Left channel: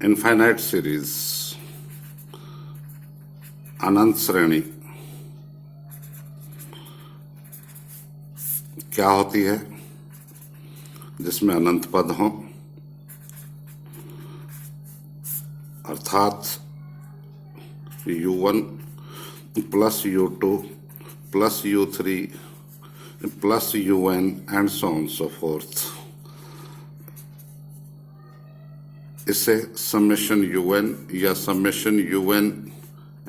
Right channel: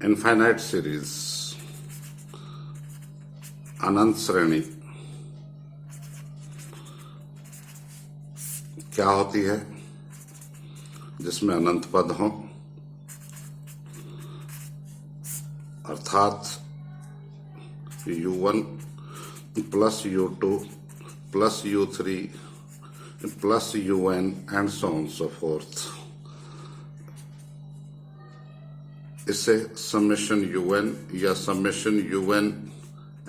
Infinite series, अनंत श्रेणी क्या होती है जिसमें अनंत पद हों, अर्थात u1 plus u2 plus u3 plus un and so on so forth. इसे समेशन un या summation un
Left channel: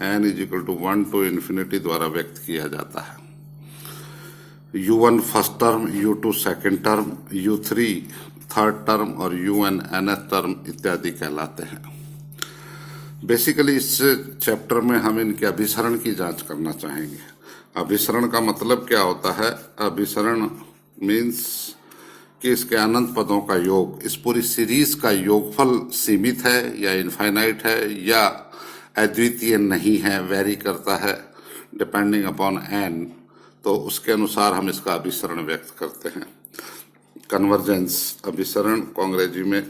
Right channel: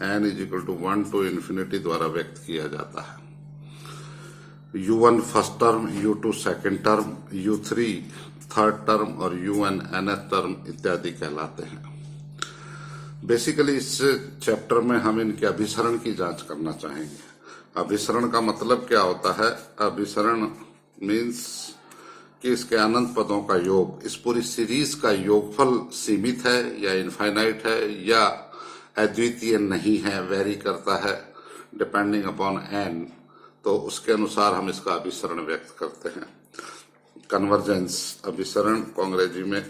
n is equal to 1 to infinity द्वारा व्यक्त किया जाता है। u1 first term, u2 second term, u3 third term और un nth term इत्यादि कहलाते हैं। बेसिकली इस चैप्टर में हम इनके अभिसरण की जांच करना चाहेंगे। अभिसरण का मतलब क्या होता है? अभिसरण मीन्स कि इसके अनंत पदों का योग, इस पूरी सीरीज का योगफल सीमित है या इनफाइनाइट है या अद्वितीय नहीं है, वेरी करता है डिपेंडिंग अपॉन n, तो उसके अनुसार हम इसका अभिसरण व्यक्त करते हैं। कन्वर्जेंस अभिसरण को अंग्रेजी में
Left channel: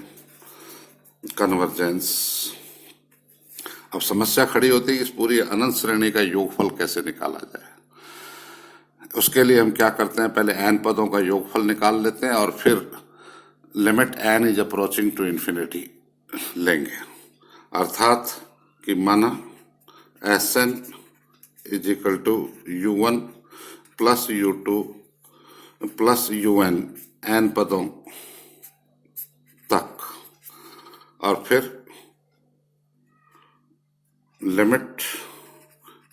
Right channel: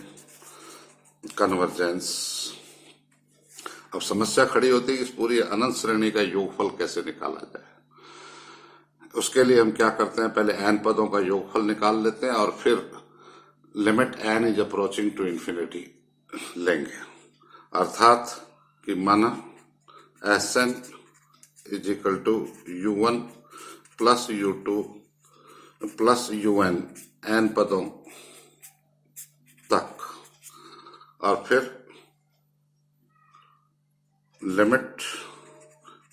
कन्वर्जेंस। अब समस्या खड़ी होती है कि इस पूरी अनंत श्रेणी का योगफल कैसे निकाला जाए। उसके लिए हम क्या करते हैं, पहले n पदों का योगफल निकाल लेते हैं और फिर limit n is approaching to infinity लेंगे। अर्थात कि माना Sn is equal to u1 plus u2 plus un n पदों तक, और फिर limit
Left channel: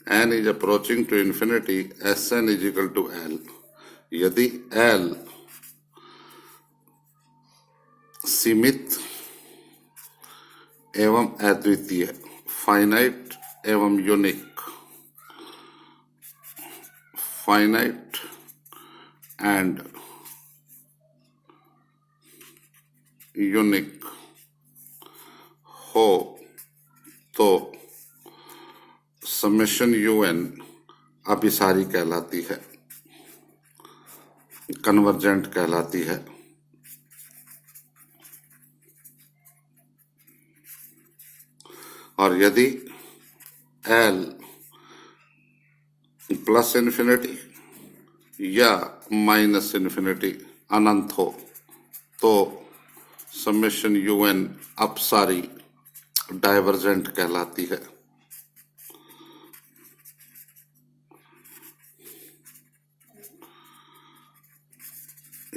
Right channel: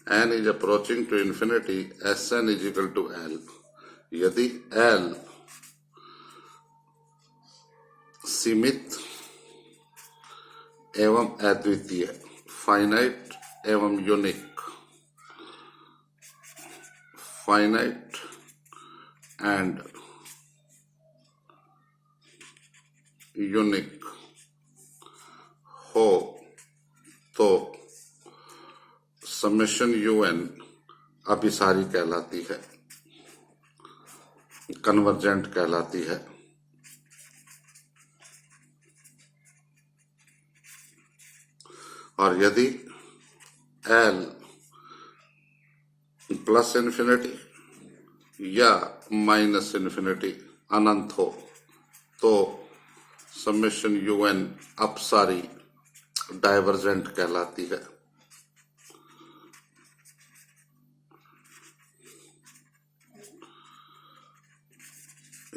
n is approaching to infinity, Sn is equal to L। यदि L सीमित एवं अद्वितीय, फाइनाइट एवं यूनिक, फाइनाइट एंड यूनिक हो तो समेशन un अभिसारी कहलाती है, कन्वर्जेंट कहलाती है। और यदि L प्लस इन्फिनिटी या माइनस इन्फिनिटी अनंत हो तो समेशन un अपसारी डाइवर्जेंट कहलाती है।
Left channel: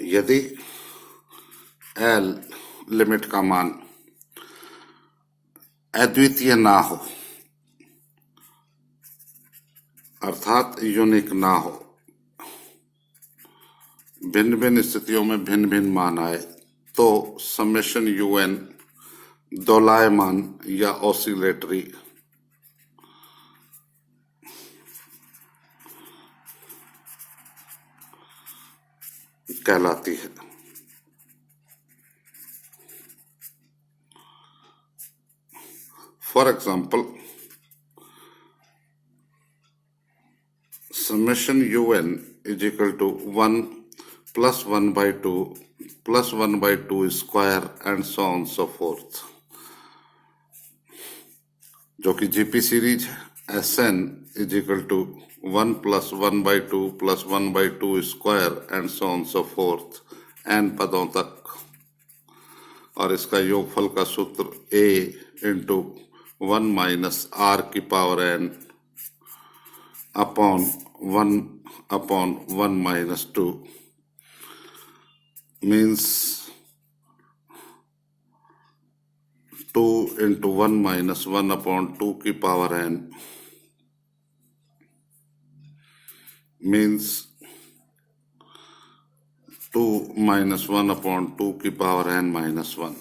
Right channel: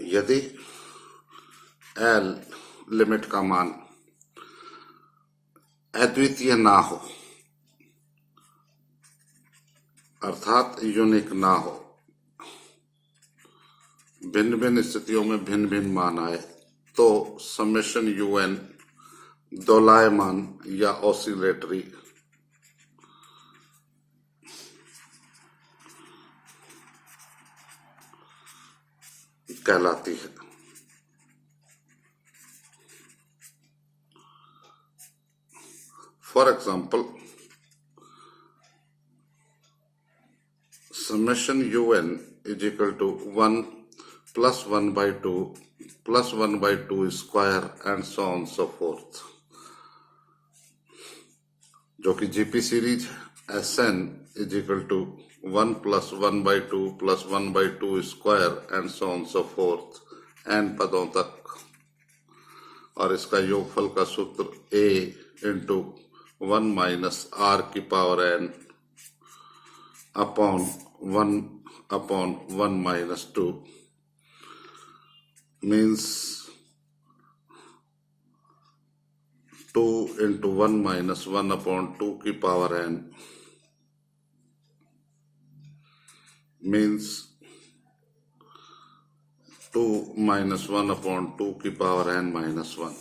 यदि L लिमिट का मान अद्वितीय ना हो, अर्थात यूनिक ना हो, भिन्न भिन्न स्थितियों में भिन्न भिन्न मान आए, तो समेशन un दोलायमान या ऑसिलेटरी कहलाती है। For example, summation un is equal to 1 plus 1/2 plus 1/2 square and so on so forth, जो कि जीपी सीरीज है। Sn is equal to 1 plus 1/2 plus 1/2 square and so on so forth, n पदों तक, और इसका योगफल का सूत्र a इंटू 1 माइनस r की power n upon 1 minus 2 means 2 into 1 minus 1 upon 2 की power n means 2 minus 1 upon 2 की power n minus 1।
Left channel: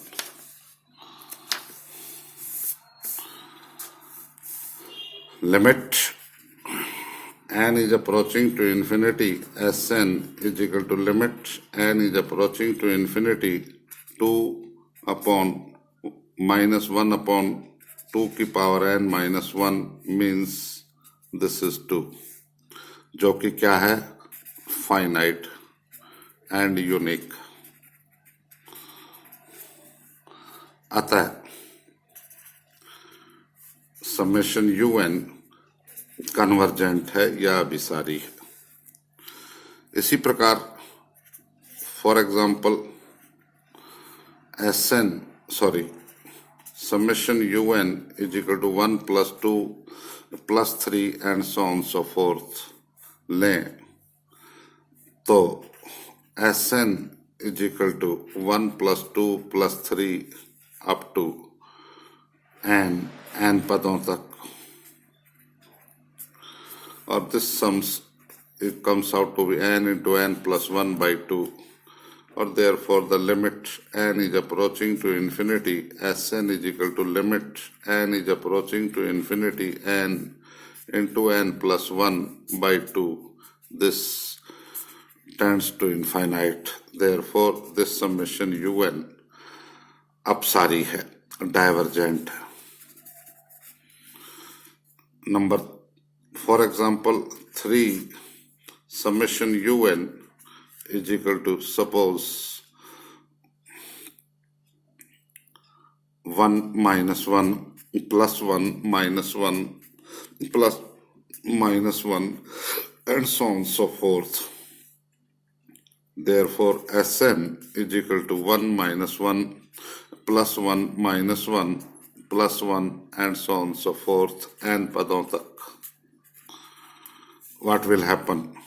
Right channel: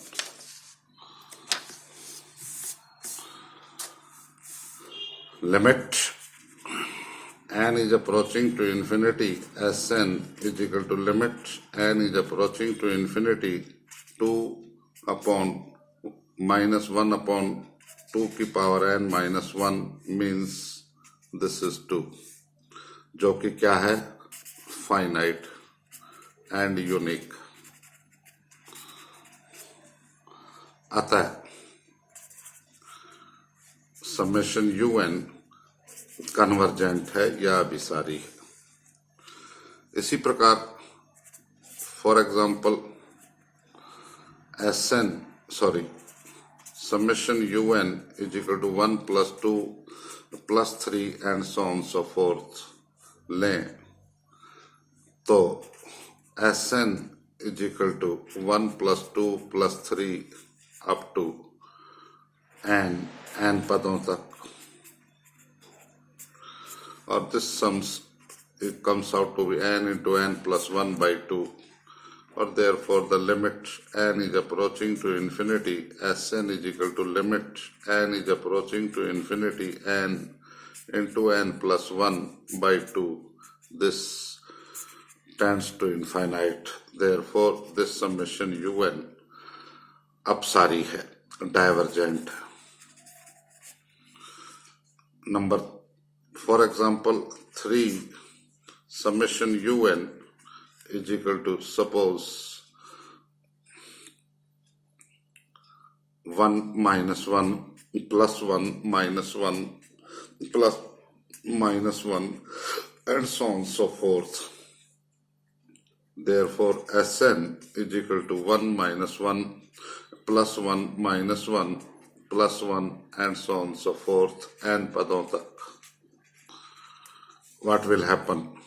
Limit n is approaching to infinity, Sn is equal to limit n is approaching to infinity 2 upon minus 1 upon 2 की power n minus 1 means this is 2, जो कि क्या है? Finite and unique. अतः summation UN convergent है या अभिसारी है। इसी प्रकार for example summation UN is equal to 1 plus 2 plus 3 and so on so forth लें तो Sn is equal to 1 plus 2 plus 3 up to n पदों तक, और this sums it comes out to be n into n plus 1 by 2, or therefore the limit n is approaching to infinity, Sn is equal to limit n is approaching to infinity n into n plus 1 by 2. This tends to infinite. Therefore, this summation UN अपसारी है, divergent है. Number, for example, 3 summation UN is equal to, suppose 1 minus 1 plus 1 minus 1 plus minus 1 and so on so forth. Therefore, Sn is equal to 1 minus 1 plus 1 minus 1 plus 1 and so on so forth n padon tak. What will happen?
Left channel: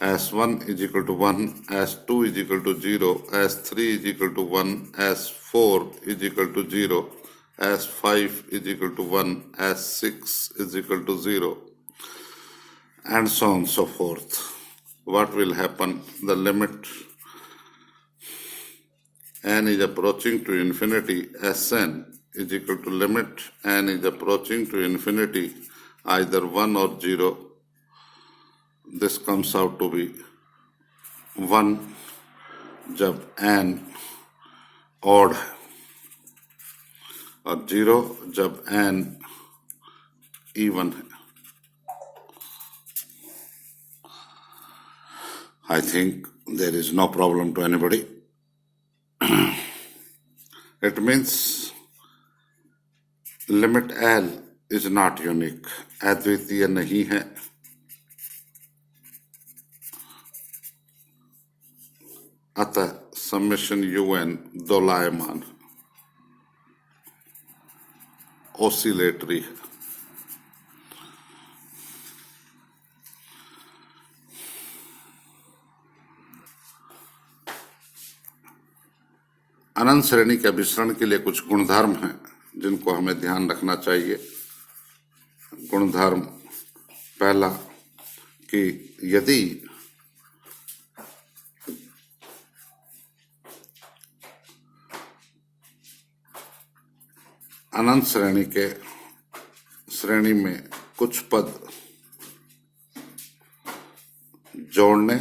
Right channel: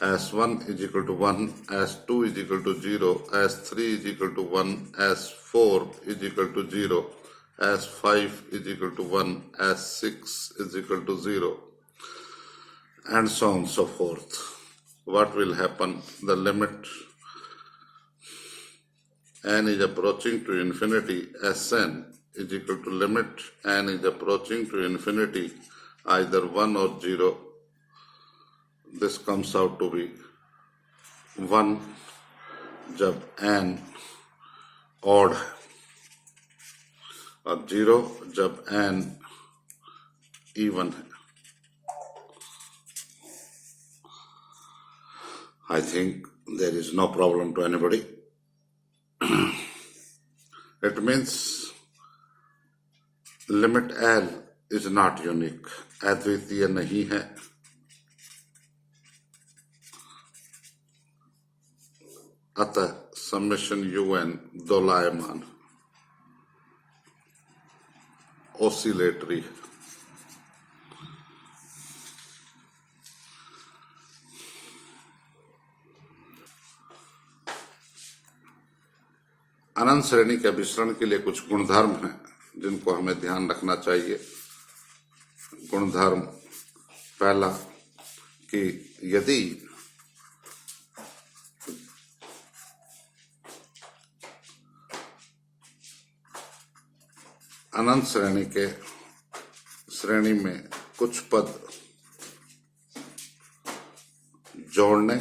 S1 is equal to 1, S2 is equal to 0, S3 is equal to 1, S4 is equal to 0, S5 is equal to 1, S6 is equal to 0, and so on so forth. What will happen? The limit n is approaching to infinity, Sn is equal to limit n is approaching to infinity, either 1 or 0. This comes out to be 1 जब n odd है और 0 जब n even है. I think there is no problem to anybody. It means limit L is not unique, अद्वितीय नहीं है. अतः summation UN दोलायमान, oscillatory है. अनंत श्रेणी के अभिसरण के लिए कुछ गुणधर्म हैं जिनको हमें ध्यान रखना चाहिए. गुणधर्म पहला कि यदि अनंत श्रेणी में कुछ पद जोड़ने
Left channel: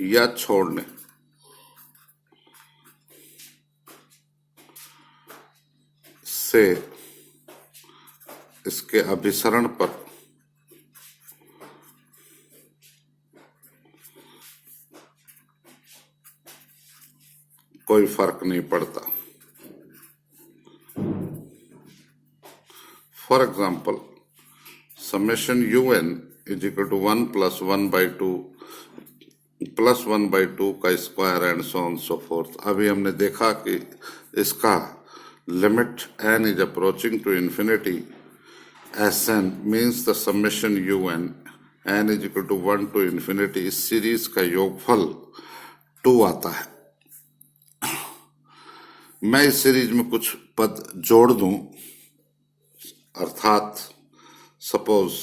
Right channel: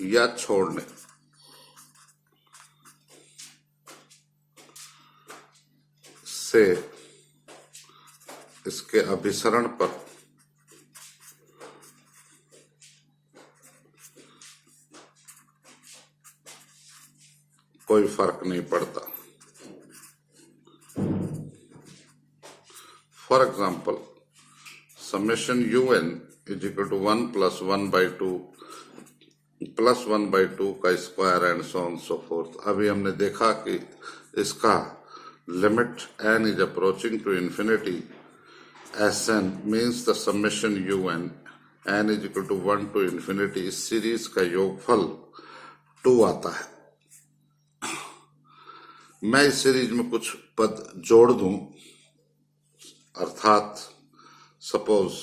या छोड़ने से इसके अभिसरण पर कोई फर्क नहीं पड़ता. For example, summation UN is equal to 1 plus 1 by 2 plus 1 by 2 का square and so on so forth. अभी हमने देखा कि इसका limit n is approaching to infinity, Sn means the summation UN n is equal to 1 to infinity. इस series का योगफल 2 आता है. मैं इस सीरीज में कुछ पद जोड़ दूं, अर्थात suppose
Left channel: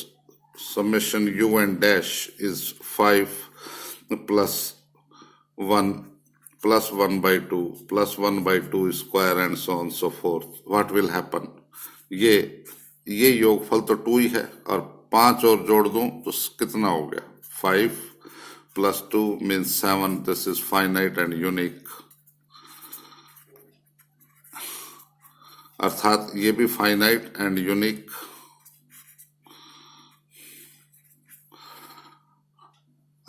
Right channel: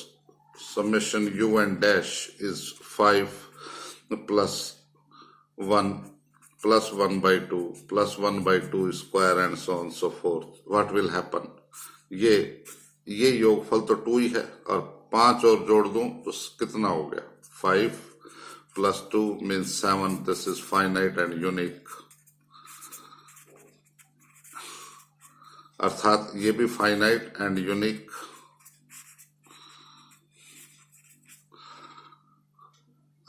summation UN dash is 5 plus 1 plus 1 by 2 plus 1 by 2 square and so on so forth. What will happen? ये योगफल तो 2 ही है और 5 और जोड़ दूं तो कितना हो गया? 5 plus 2 means 7. This is finite and unique. अर्थात ये भी फाइनाइट एंड यूनिक.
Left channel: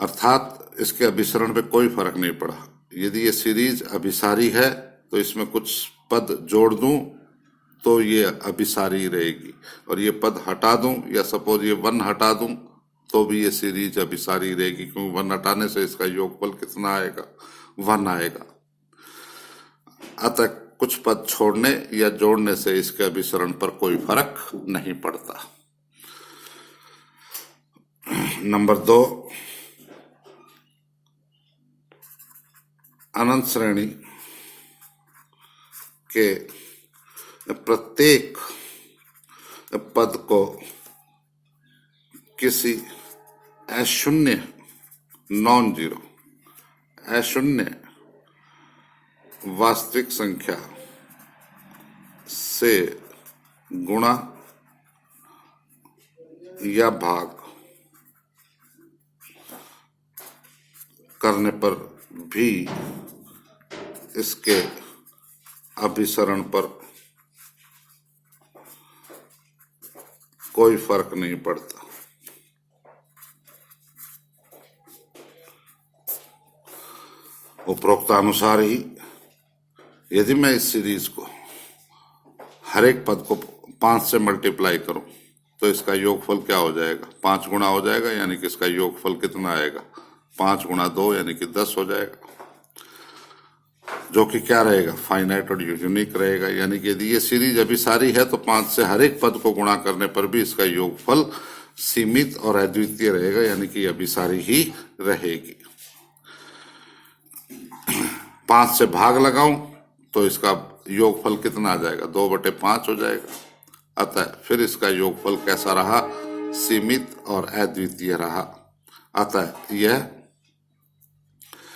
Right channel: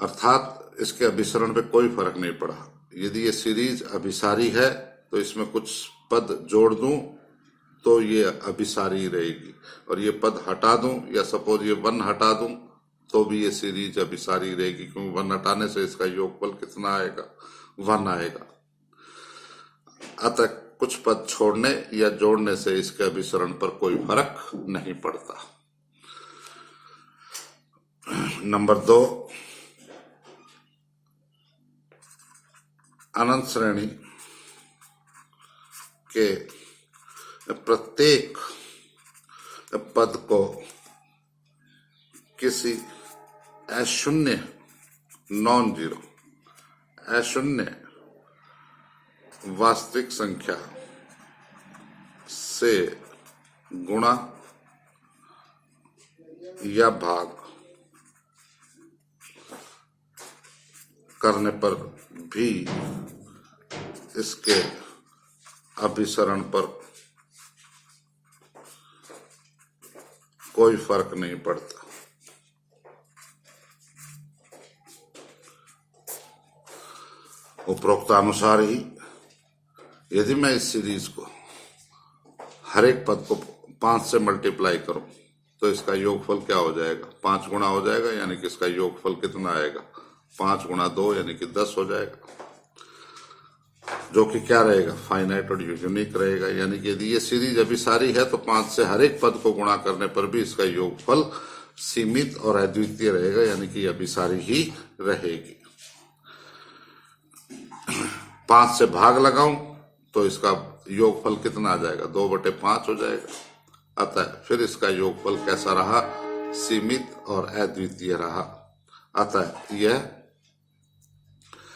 अर्थात इसके अभिसरण पे कोई फर्क नहीं पड़ा. यदि ये सीरीज अभिसारी है तो इसमें कुछ पद जोड़ दूं तो ये अभिसारी रहेगी, और ये पद हटा दूं या सपोज ये 1 हटा दूं तो भी ये सीरीज अभिसारी रहेगी, क्योंकि 1 हटाने से इसका योगफल कितना आएगा, 1 आएगा। अतः कुछ पद छोड़ने या जोड़ने से इसके अभिसरण पर कोई फर्क नहीं पड़ता। नंबर 2, अनंत श्रेणी के प्रत्येक पद को किसी अशून्य नॉन जीरो अशून्य वास्तविक संख्या से गुणा या भाग करने पर भी इसके अभिसरण पर कोई फर्क नहीं पड़ता। उपरोक्तानुसार ही यदि मैं इस सीरीज को हर एक पद को 5 से मल्टीप्लाई करूं तो इसका योगफल क्या हो जाएगा, 5 गुना हो जाएगा, यानी कि इसका योगफल कितना आएगा, 5 गुना 2 यानी कि 10 हो जाएगा, जो कि क्या रहेगा, फाइनाइट और यूनिक रहेगा। यानी कि यदि ये सीरीज अभिसारी है तो 5 से हर एक पद को गुणा करने पर भी इसका योगफल सीमित और अद्वितीय रहेगा, यानी कि अभिसारी ही रहेगी। 5 से भाग लगाऊं तो इसका योगफल कितना आ जाएगा, 2/5 हो जाएगा। अतः फिर इसका योगफल कैसा रहा, सीमित और अद्वितीय रहा। अतः यह